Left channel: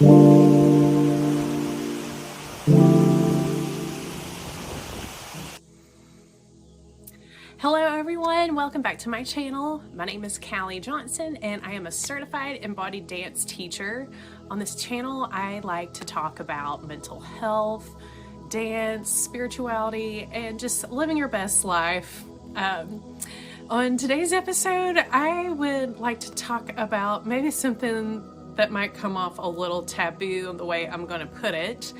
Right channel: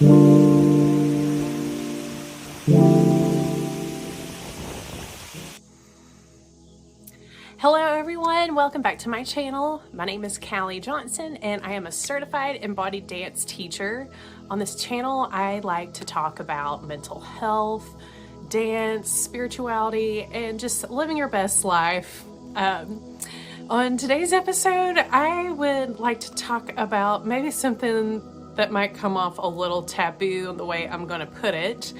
Hello everyone, welcome back to my channel. My name is Callie Johnson and I am a certified embodied dance teacher. On this channel, I like to talk about mental health, dance, spirituality, and just living your best life. On today's episode, I would like to talk about maybe something that might come off a little taboo in the way I'm going to put it,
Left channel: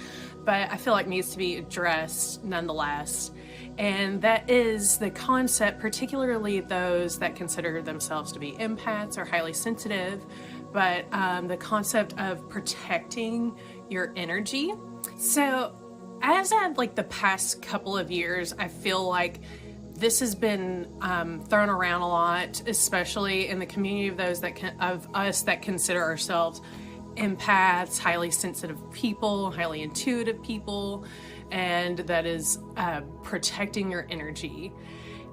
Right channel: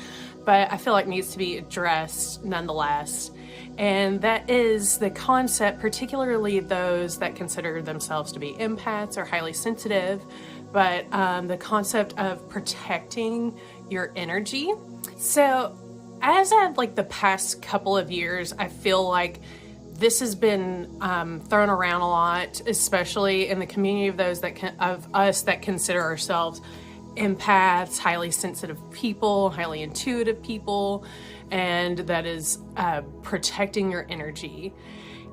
but I feel like needs to be addressed nonetheless. And that is the concept, particularly those that consider themselves to be empaths or highly sensitive, but the concept of protecting your energy. So as of like the past couple of years, I feel like this has been thrown around a lot, especially in the community of those of us that consider ourselves empaths, highly sensitive people, highly intuitive people, and that is protecting your energy.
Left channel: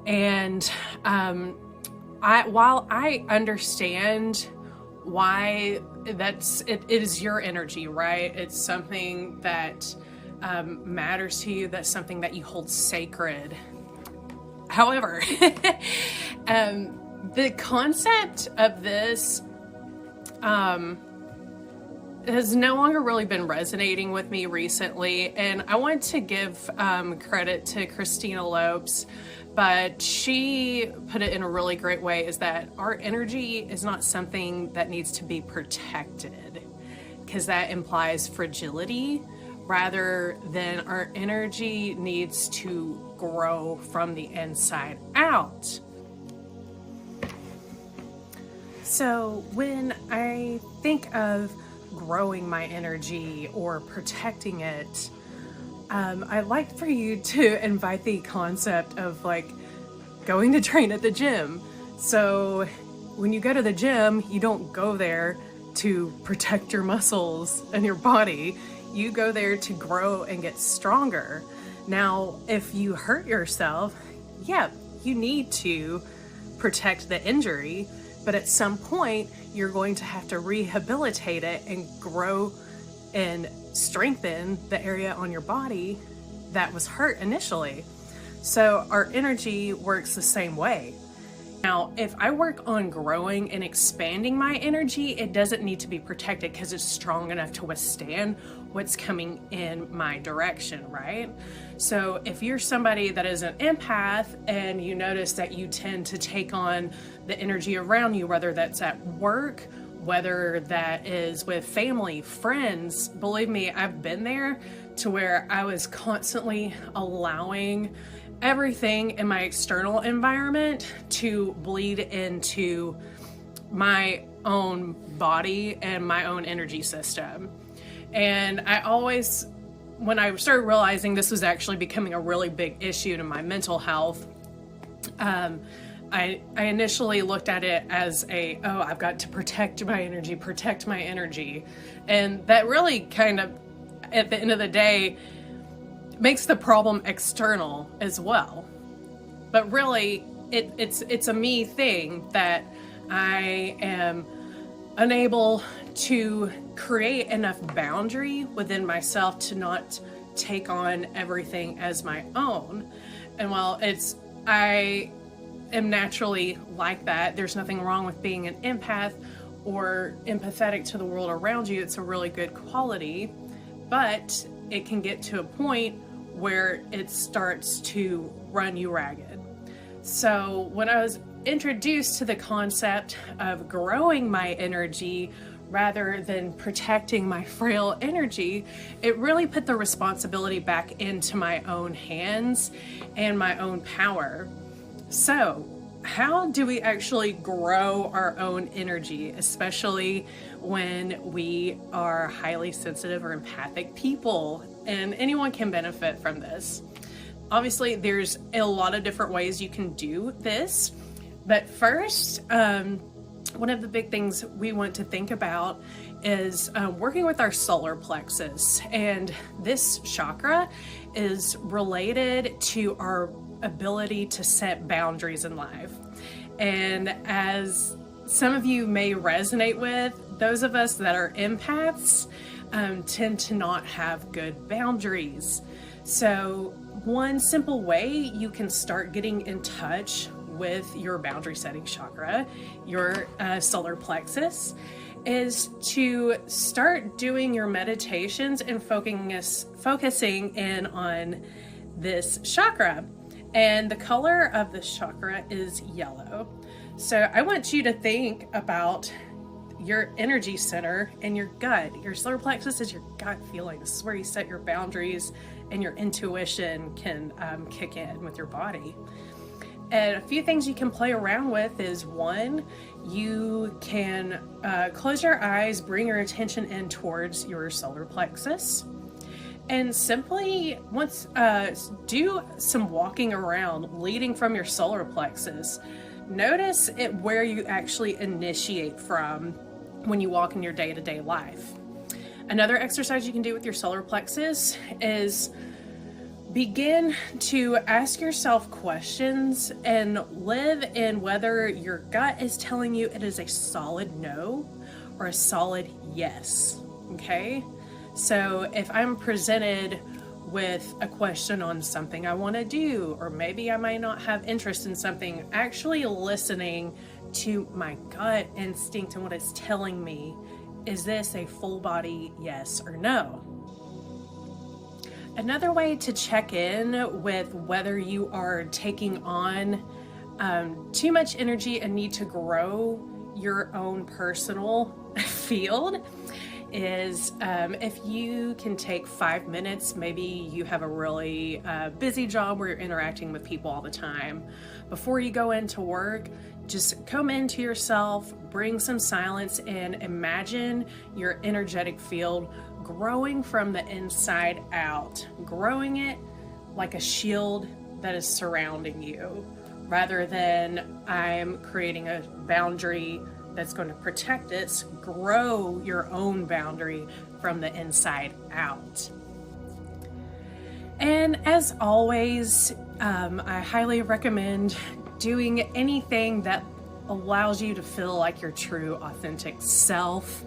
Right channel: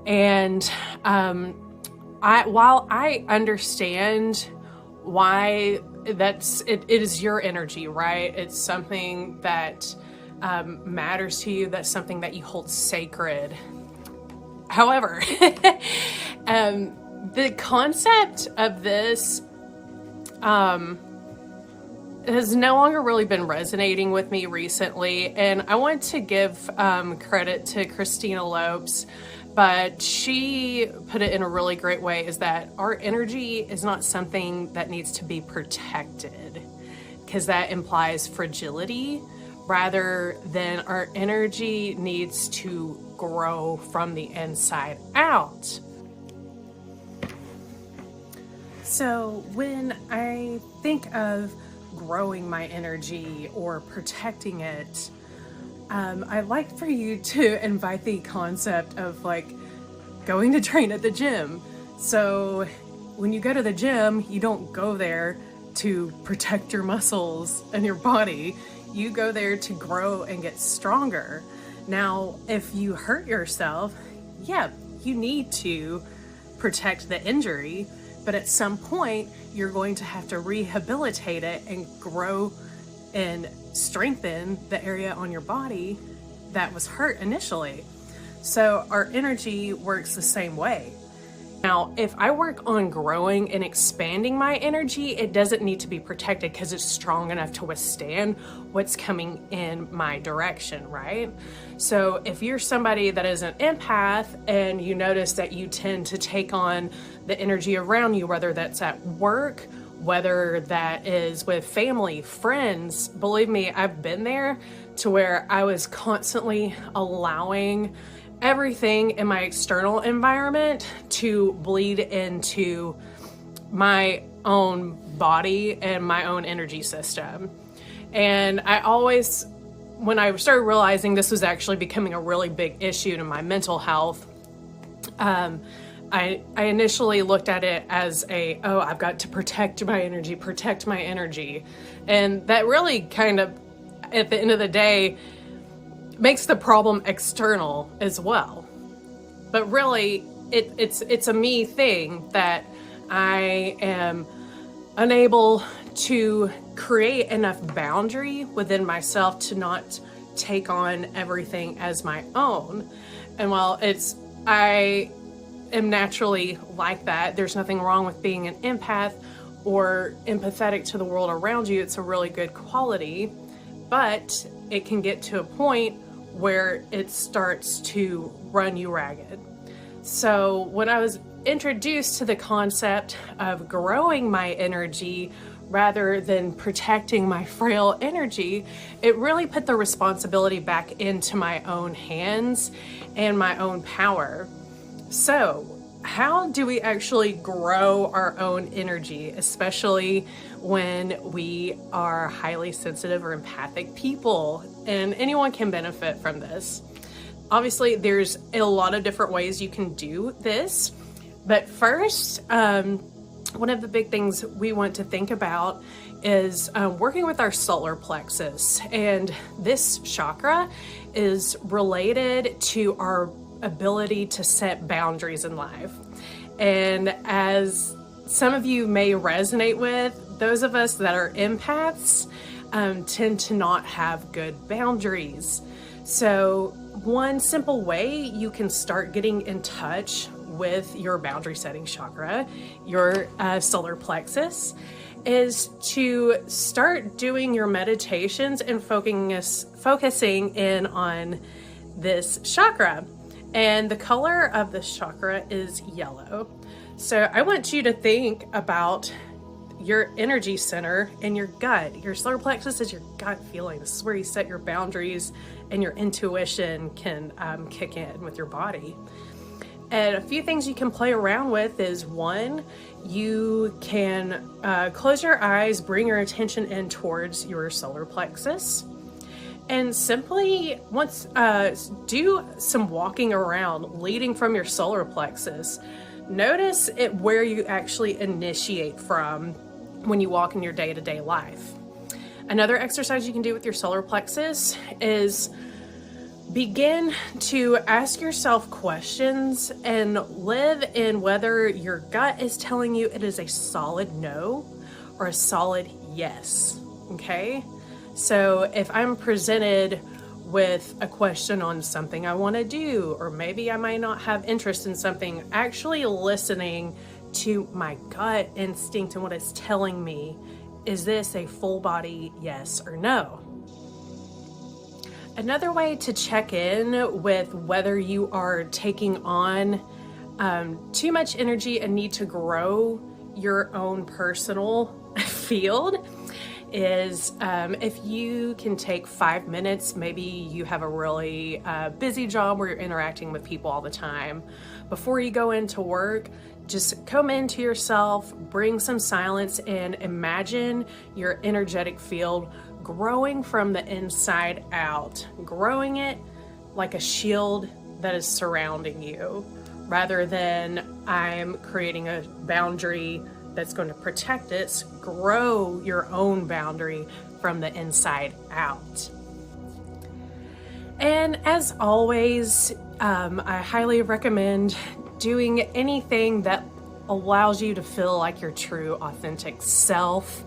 And while I understand why it is your energy, right? It's something that matters to you. That's something that you hold sacred. However, the concept of this has no longer really been resonating with me recently, and I want to give credit to Christina Lopes, but she put it in a really great way, is that our energy is not something that needs to be protected, because that implies fragility, rather than our energy needs to grow from the inside out. So when I think of growing my energy or protecting it, I'd like for you to invite the concept of like going to train at the gym. So when you go to the gym, you don't go there to protect your muscles and your body. You go there to grow and get stronger. Now, if you hurt yourself, yeah, you need to protect the injury, but at some point, you're going to have to rehabilitate it and grow and strengthen the area on your body that was hurt initially. So our energy works the same way. Now, if I work on growing and expanding my energy, it doesn't need to be protected because it's strong enough to withstand what's coming in my direction, right? So if you're somebody that is an empath and you notice that you tend to take on the energy around you, whether that's at work, whether that is with family, friends, believe me, I've been there to where I was constantly allowing everything in my external environment to bleed into my own body and my own energy system. And I always, when I started realizing this was actually becoming a really big issue to my mental health, I initially looked at it as I've got to protect my energy. And that really kind of, at the end of the day, makes the problem external as well. But really, it's a me thing that I am unable to create enough boundary within myself to not take on everything as my own. And while I am naturally like that, there's nothing wrong with being an empath or empathetic to the world around you. It's a really good quality, but it can get to a point where it starts to run you ragged. So when I was introduced to the concept of growing my energy rather than protecting my frail energy, it really put the responsibility back into my own hands and my own power. So how do we actually grow our own energy, especially when we are highly sensitive or empathic people? And anyone can benefit from this. Obviously, there's a lot of different ways you can do this. But first, one of the big things we want to think about is working with our solar plexus. And this chakra is related to our ability to set boundaries in life. And as some of you may resonate with, those of us that are empaths, tend to not have good boundaries. So one simple way you can start getting in touch with your boundary setting chakra, your solar plexus, is to start doing your meditations and focusing in on this chakra. And the color of this chakra is yellow. So I want you to think about your energy center in your gut. Your solar plexus is your gut feeling. This is where you set your boundaries and your intuition can kick in with your body. And a few things you can play around with is, one, you can close your eyes, bring your attention in towards your solar plexus, and simply do some walking around leading from your solar plexus. Notice where you actually initiate from when you walk in your day-to-day life. Another exercise you can do with your solar plexus is begin to ask yourself questions and live in whether your gut is telling you it is a solid no or a solid yes, okay? So if I'm presented with a question on something I want to do, or maybe I might not have interest in something, actually listening to my gut instinct and what it's telling me, is this a full body yes or no? Another way to check in with whether you are taking on too much energy and need to grow your own personal field is if you can take 5 minutes. Maybe you have a really busy job where you're interacting with people all the time. Before you go into work, just come into yourself, bring some silence, and imagine your energetic field growing from the inside out, growing it like a shield that is surrounding you, rather than I'm creating a boundary that's going to protect it. Grow your own boundary from the inside out. And as always, I highly recommend doing anything that allows you to feel like your true, authentic self,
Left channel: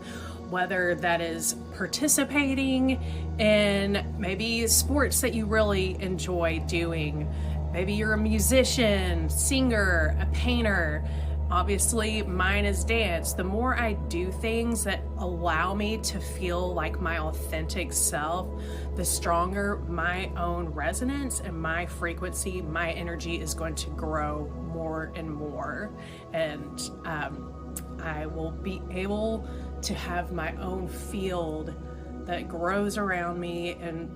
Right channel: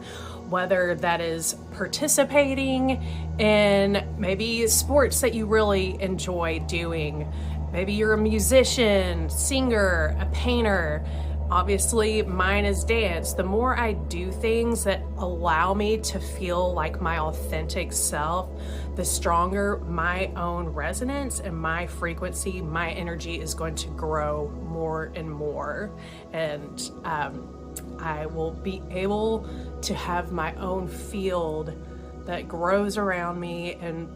whether that is participating in maybe sports that you really enjoy doing. Maybe you're a musician, singer, a painter. Obviously, mine is dance. The more I do things that allow me to feel like my authentic self, the stronger my own resonance and my frequency, my energy is going to grow more and more. And I will be able to have my own field that grows around me and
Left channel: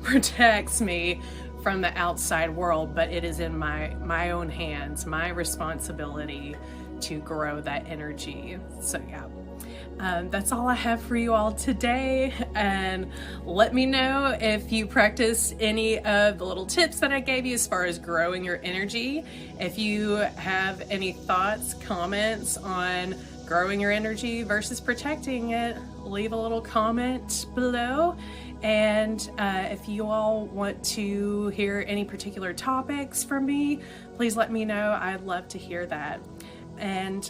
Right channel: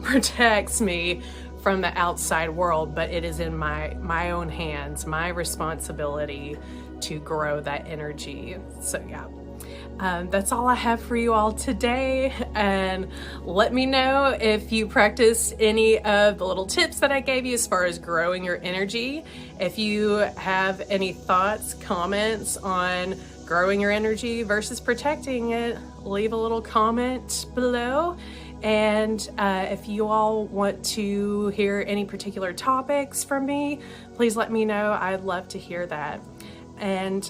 protects me from the outside world, but it is in my own hands, my responsibility to grow that energy. So yeah, that's all I have for you all today. And let me know if you practice any of the little tips that I gave you as far as growing your energy. If you have any thoughts, comments on growing your energy versus protecting it, leave a little comment below. And if you all want to hear any particular topics from me, please let me know. I'd love to hear that. And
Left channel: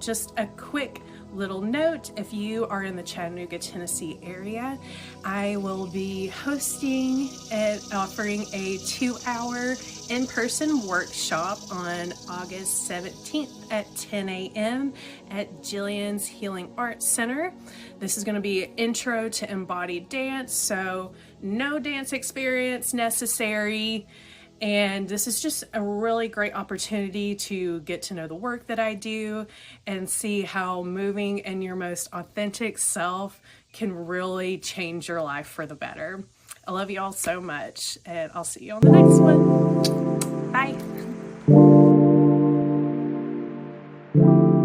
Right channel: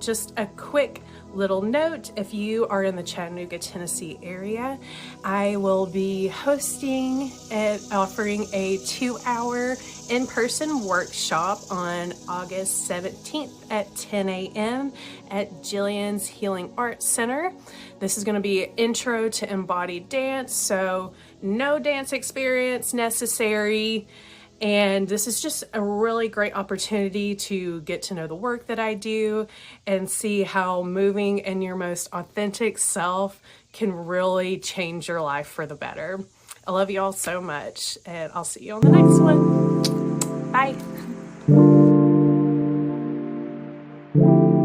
just a quick little note, if you are in the Chattanooga, Tennessee area, I will be hosting and offering a 2-hour in-person workshop on August 17th at 10 a.m. at Jillian's Healing Arts Center. This is going to be intro to embodied dance, so no dance experience necessary. And this is just a really great opportunity to get to know the work that I do and see how moving in your most authentic self can really change your life for the better. I love you all so much, and I'll see you on the next one. Bye.